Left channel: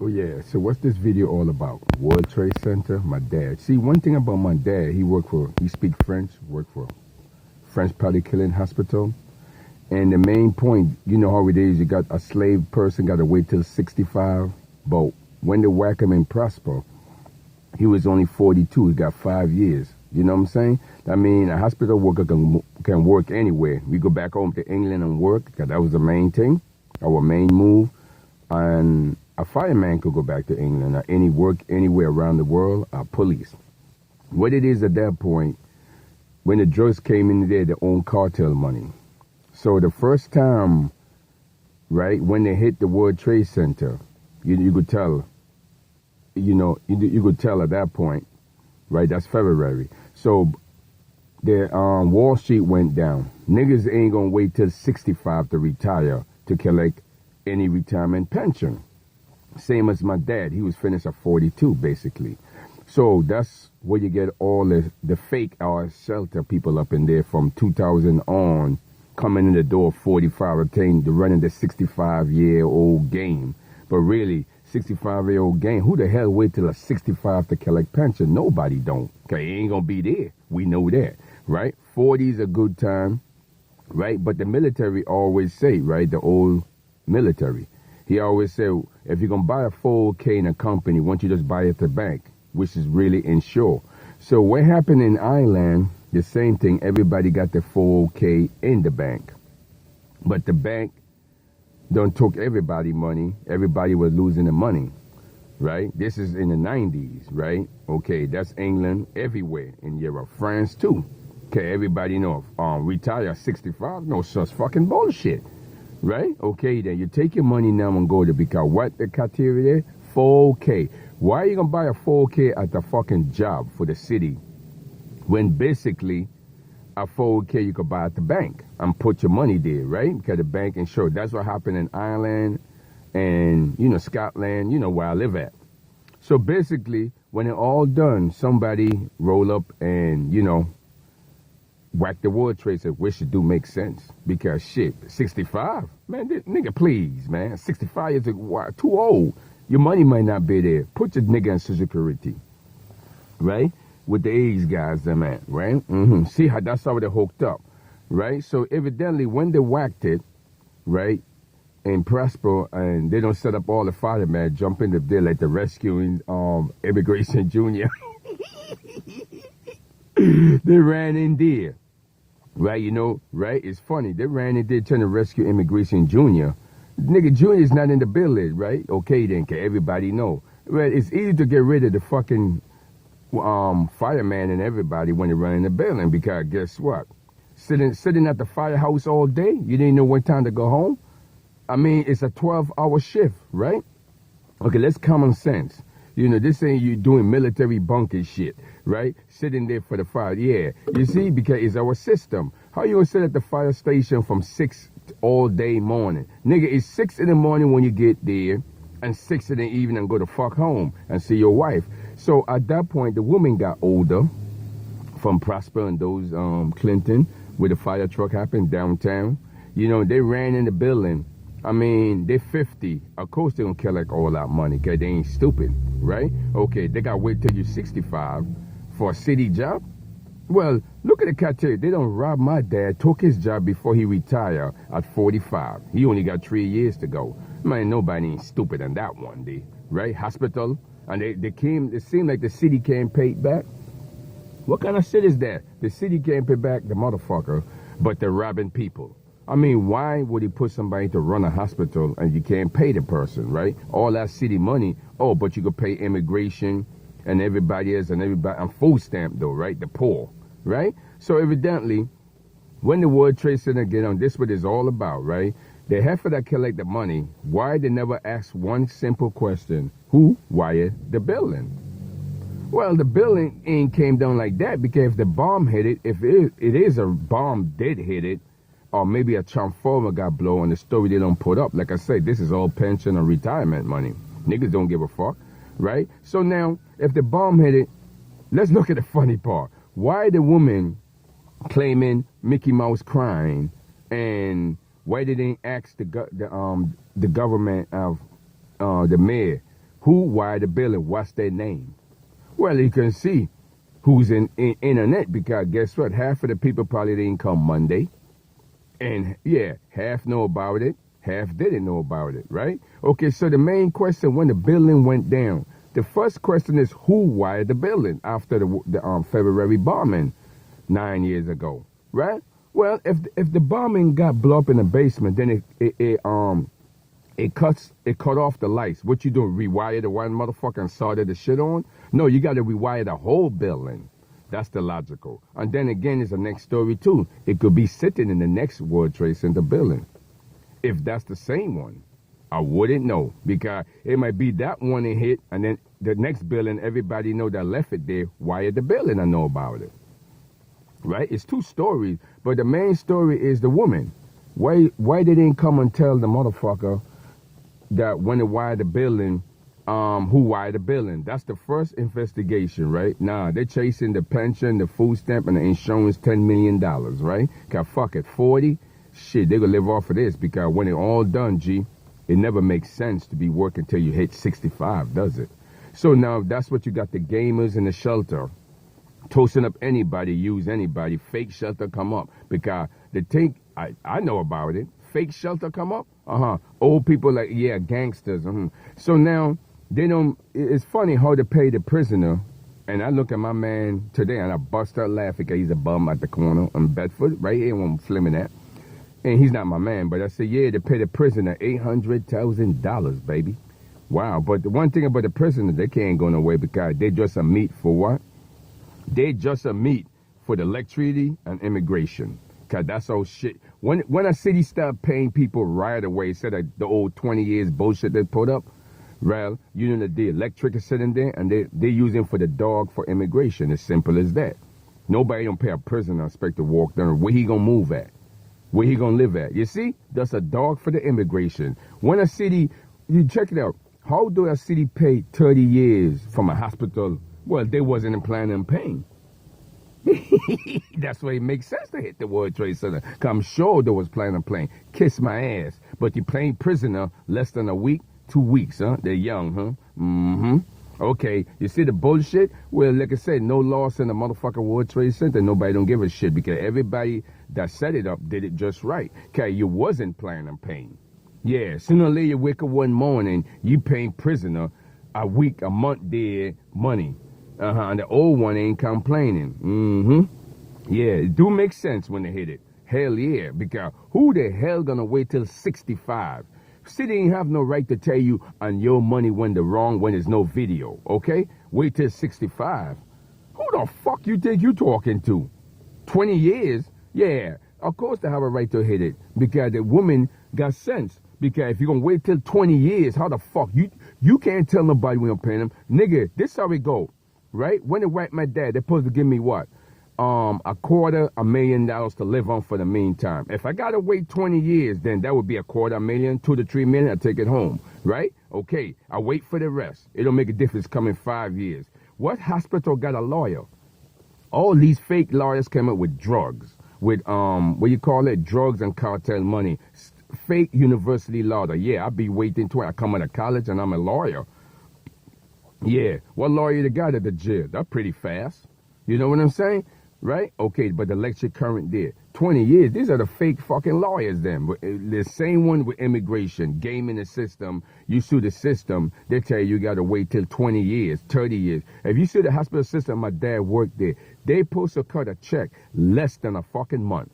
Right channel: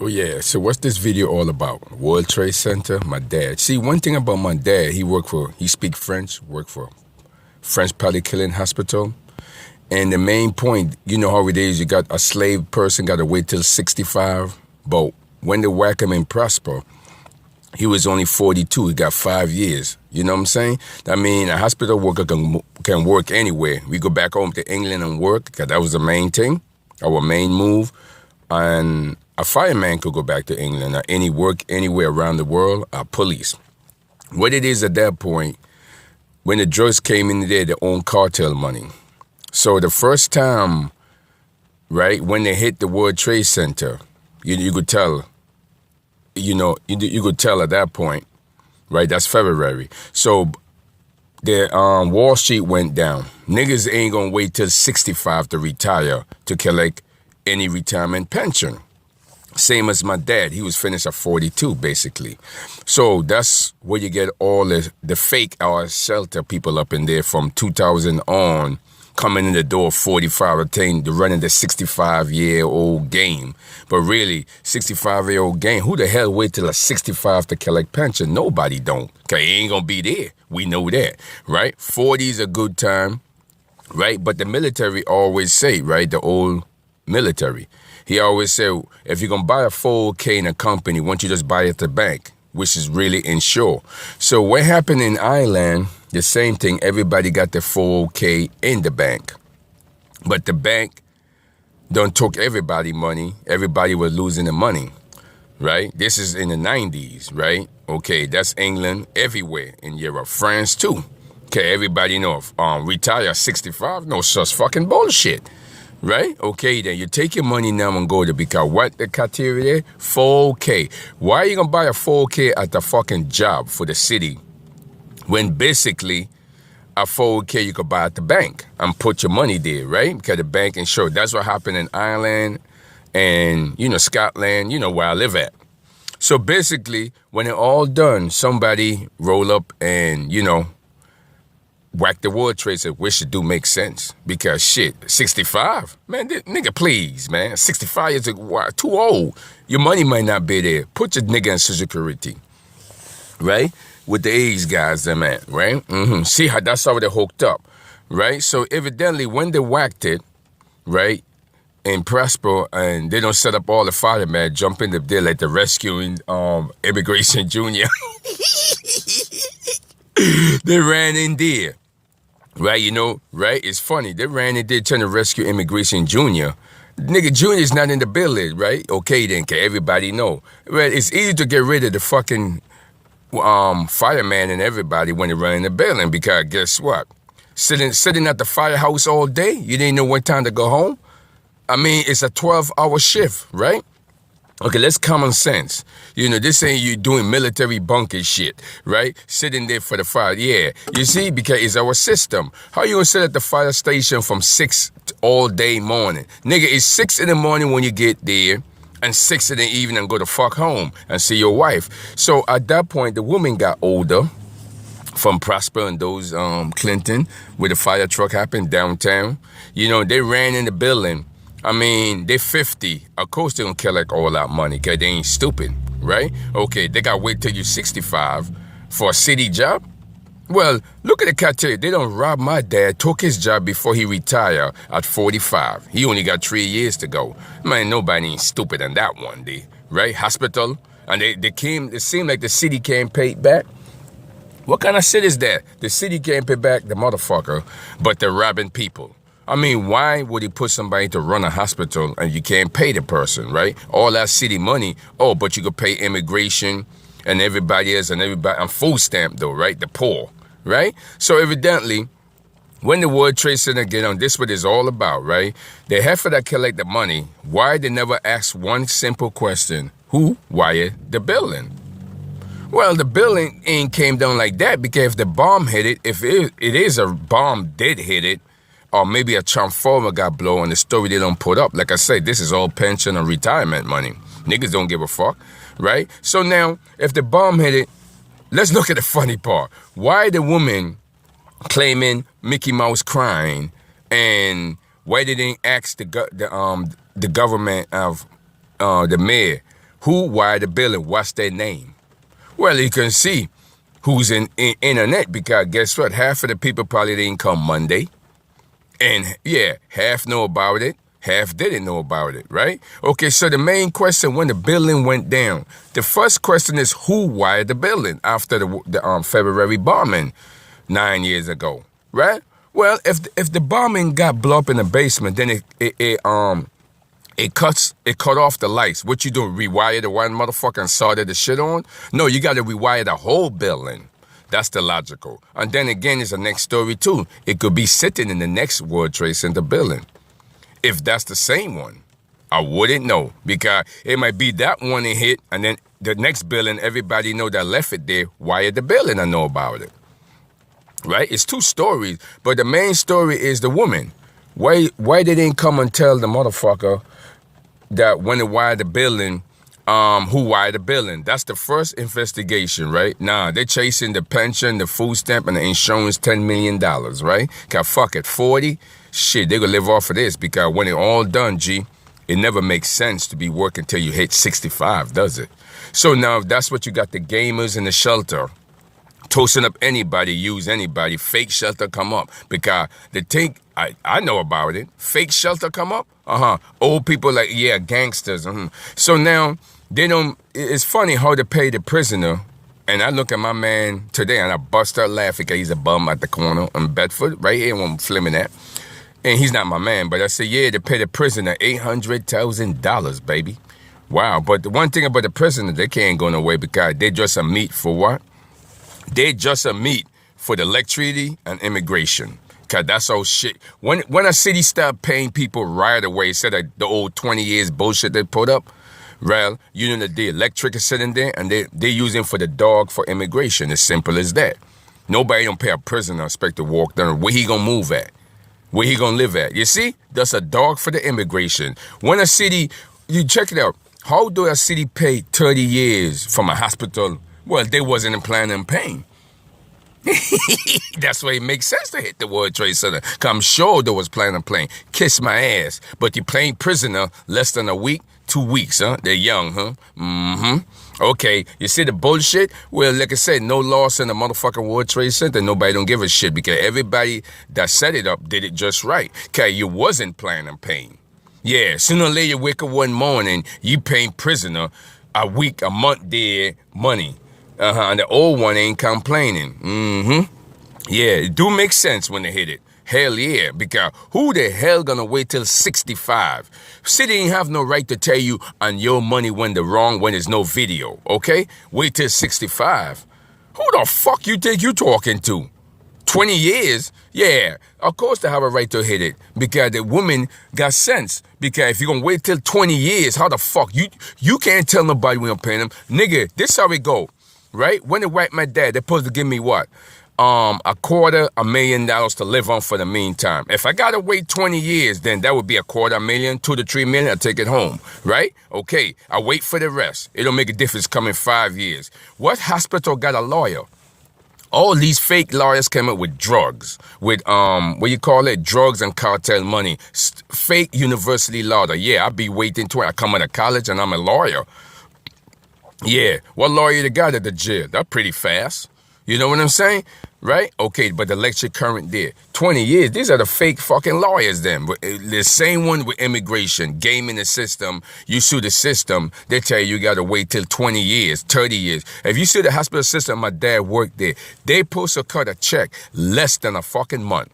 Oh yeah, so what's this video all about? World Trade Center, my dad. See, one thing about my dad, he speak French, worked for French Killing Hospital. And the main point, you know how it is, you got a slave person, got to wait till 65. But when they whack him in Prosper, he was only 42, he got 5 years. You know what I'm saying? I mean, a hospital worker can work anywhere. We go back home to England and work, because that was the main thing, our main move. And a fireman could go back to England or any work anywhere around the world, or police. What it is at that point, when the drugs came in there, they own cartel money. So the first time, right, when they hit the World Trade Center, you could tell, you could tell at that point, right, that's February. So the Wall Street went down. Niggas ain't gonna wait till 65 to retire to collect any retirement pension. Same as my dad. He was finished at 42, basically. So that's where you get all the fake our shelter people up in there from 2000 on, coming in the door 45, attain to running the 65-year-old game. But really, 65-year-old game, who the hell wait till a 65 to collect pension? Nobody don't. Okay, he ain't gonna be there. We know that, right? 40 is a good time, right? But the military always say, right, the old military, he always said, if you're going to buy a 401k in a company, why don't you just buy it at the bank, which is really insure. So what happened in Ireland, the same thing, everybody got the 401k in the bank. But the bank don't took everybody money. Everybody was losing the money, right? This is in the 90s, right? Okay, that's England, everywhere in Europe, France too. Okay, everybody know, retire 65, no such fucking bullshit. Right? Okay, then you take your money now and go to, because what the criteria? 4K. Why are you going to buy a 4K at the fucking job for the city when basically a 4K you could buy at the bank and put your money there, right? Because the bank insured. That's what happened in Ireland and, Scotland, where I live at. So basically, when it all done, somebody roll up and, whack the World Trade Center, which do make sense, because shit, 65, man, nigga, please, man, 65 is too old. Your money might not be there. Put your nigga in Social Security, right? With the age guys, them at, right? See how that's how they hooked up, right? So evidently, when they whacked it, right, in Prosper, and they don't set up all the firemen, jump in there like the rescuing Immigration Junior. They ran in there. Right, right? It's funny. They ran in there trying to rescue Immigration Junior. Nigga, Junior's not in the building, right? Okay, then, can everybody know? Well, it's easy to get rid of the fucking fireman and everybody when they run in the building, because guess what? Sitting at the firehouse all day, you didn't know what time to go home? I mean, it's a 12-hour shift, right? Okay, let's common sense. This ain't you doing military bunker shit, right? Sitting there for the fire. Yeah, you see, because it's our system. How you gonna sit at the fire station from 6 all day morning? Nigga, it's 6 in the morning when you get there, and 6 in the evening and go to fuck home and see your wife. So at that point, the woman got older from Prosper and those Clinton, where the fire truck happened downtown. They ran in the building. I mean, they're 50. Of course they don't collect all that money, because they ain't stupid, right? Okay, they got to wait till you're 65 for a city job? Well, look at the criteria. They don't rob my dad, took his job before he retired at 45. He only got 3 years to go. Man, nobody ain't stupid on that one day, right? Hospital, and it seemed like the city can't pay back. What kind of shit is that? The city can't pay back the motherfucker, but they're robbing people. I mean, why would he put somebody to run a hospital and you can't pay the person, right? All that city money, but you could pay immigration and everybody else and food stamp though, right? The poor, right? So evidently, when the World Trade Center get on, this what it's all about, right? The heifer that collect the money, why they never ask one simple question: who wired the building? Well, the building ain't came down like that, because if the bomb hit it, if it is a bomb did hit it, or maybe a transformer got blown, the story they don't put up. Like I said, this is all pension and retirement money. Niggas don't give a fuck, right? So now, if the bomb hit it, let's look at the funny part. Why the woman claiming Mickey Mouse crying, and why they didn't ask the government of the mayor, who wired the building, what's their name? Well, you can see who's in internet, because guess what? Half of the people probably didn't come Monday. And yeah, half know about it, half didn't know about it, right? Okay, so the main question when the building went down, the first question is who wired the building after the February bombing 9 years ago, right? Well, if the bombing got blown up in the basement, then it cut off the lights. What you do, rewire the one motherfucker and solder the shit on? No, you got to rewire the whole building. That's the logical. And then again, it's the next story too. It could be sitting in the next World Trade Center building. If that's the same one, I wouldn't know, because it might be that one it hit, and then the next building, everybody know that left it there, wired the building and know about it. Right? It's two stories, but the main story is the woman. Why they didn't come and tell the motherfucker that when they wired the building, who wired the building? That's the first investigation, right? Nah, they're chasing the pension, the food stamp, and the insurance, $10 million, right? Cause fuck it, 40? Shit, they gonna live off of this, because when it all done, G, it never makes sense to be working till you hit 65, does it? So now that's what you got, the gamers in the shelter toasting up anybody, use anybody, fake shelter come up, because the thing, I know about it, fake shelter come up, old people like, yeah, gangsters, So now, they don't, it's funny how they pay the prisoner, and I look at my man today, and I bust out laughing, because he's a bum at the corner in Bedford, right here where I'm filming at, and he's not my man, but I say, yeah, they pay the prisoner $800,000, baby. Wow, but the one thing about the prisoner, they can't go nowhere, because they just a meat for what? They just a meat for the electricity and immigration. Cause that's all shit. When a city start paying people right away, instead of the old 20 years bullshit they put up, well, you know that the electric is sitting there and they using for the dog for immigration. As simple as that. Nobody don't pay a prisoner expect to walk down. Where he gonna move at? Where he gonna live at? You see? That's a dog for the immigration. When a city, you check it out. How do a city pay 30 years from a hospital? Well, they wasn't planning on paying. That's why it makes sense to hit the World Trade Center. Cause I'm sure they was planning on playing. Kiss my ass. But you playing prisoner less than a week, 2 weeks, huh? They're young, huh? Okay, you see the bullshit? Well, like I said, no loss in the motherfucking World Trade Center. Nobody don't give a shit, because everybody that set it up did it just right. Cause you wasn't planning on paying. Yeah, sooner or later you wake up one morning, you paying prisoner a week, a month there, money. And the old one ain't complaining. Yeah, it do make sense when they hit it. Hell yeah, because who the hell gonna wait till 65? City ain't have no right to tell you on your money when the wrong, when there's no video, okay? Wait till 65. Who the fuck you think you talking to? 20 years? Yeah, of course they have a right to hit it, because the woman got sense. Because if you're gonna wait till 20 years, how the fuck? You can't tell nobody when I'm paying them. Nigga, this how it go, right? When they wipe my dad, they're supposed to give me what? $250,000 to live on for the meantime. If I gotta wait 20 years, then that would be $250,000, 2 to 3 million, I take it home, right? Okay, I wait for the rest. It don't make a difference coming 5 years. What hospital got a lawyer? All these fake lawyers came up with drugs, with, what you call it, drugs and cartel money. Fake university lawyer. Yeah, I be waiting till I come out of college and I'm a lawyer. Yeah, what lawyer they got at the jail? That's pretty fast. You know what I'm saying? Right? Okay, but the electric current there. 20 years, these are the fake fucking lawyers then. The same one with immigration, gaming the system. You sue the system, they tell you gotta wait till 20 years, 30 years. If you sue the hospital system, my dad worked there, they supposed to cut a check less than a fucking month.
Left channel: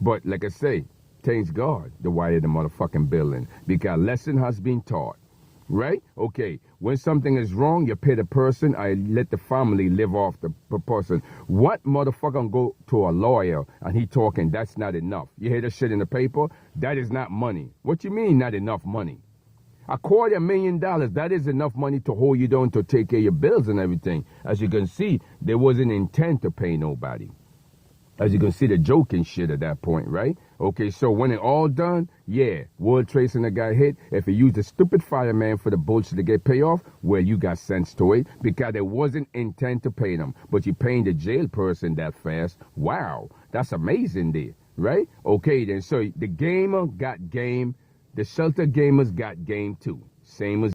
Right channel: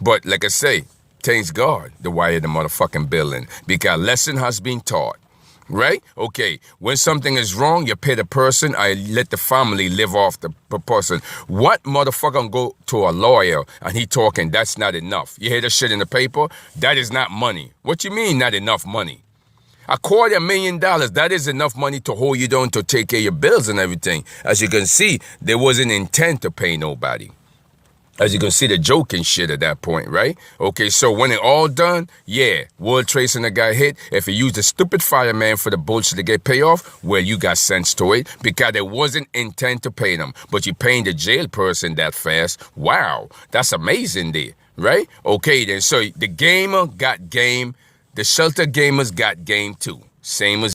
But like I say, thanks God, the wire the motherfucking building, because lesson has been taught. Right? Okay, when something is wrong, you pay the person, I let the family live off the person. What motherfucker gonna go to a lawyer and he talking, that's not enough? You hear that shit in the paper? That is not money. What you mean not enough money? $250,000, that is enough money to hold you down to take care of your bills and everything. As you can see, there wasn't intent to pay nobody. As you can see, the joking shit at that point, right? Okay, so when it all done, yeah, World Trade Center got hit. If you use the stupid fireman for the bullshit to get paid off, well, you got sense to it, because there wasn't intent to pay them. But you paying the jail person that fast. Wow, that's amazing there, right? Okay, then, so the gamer got game. The shelter gamers got game too. Same as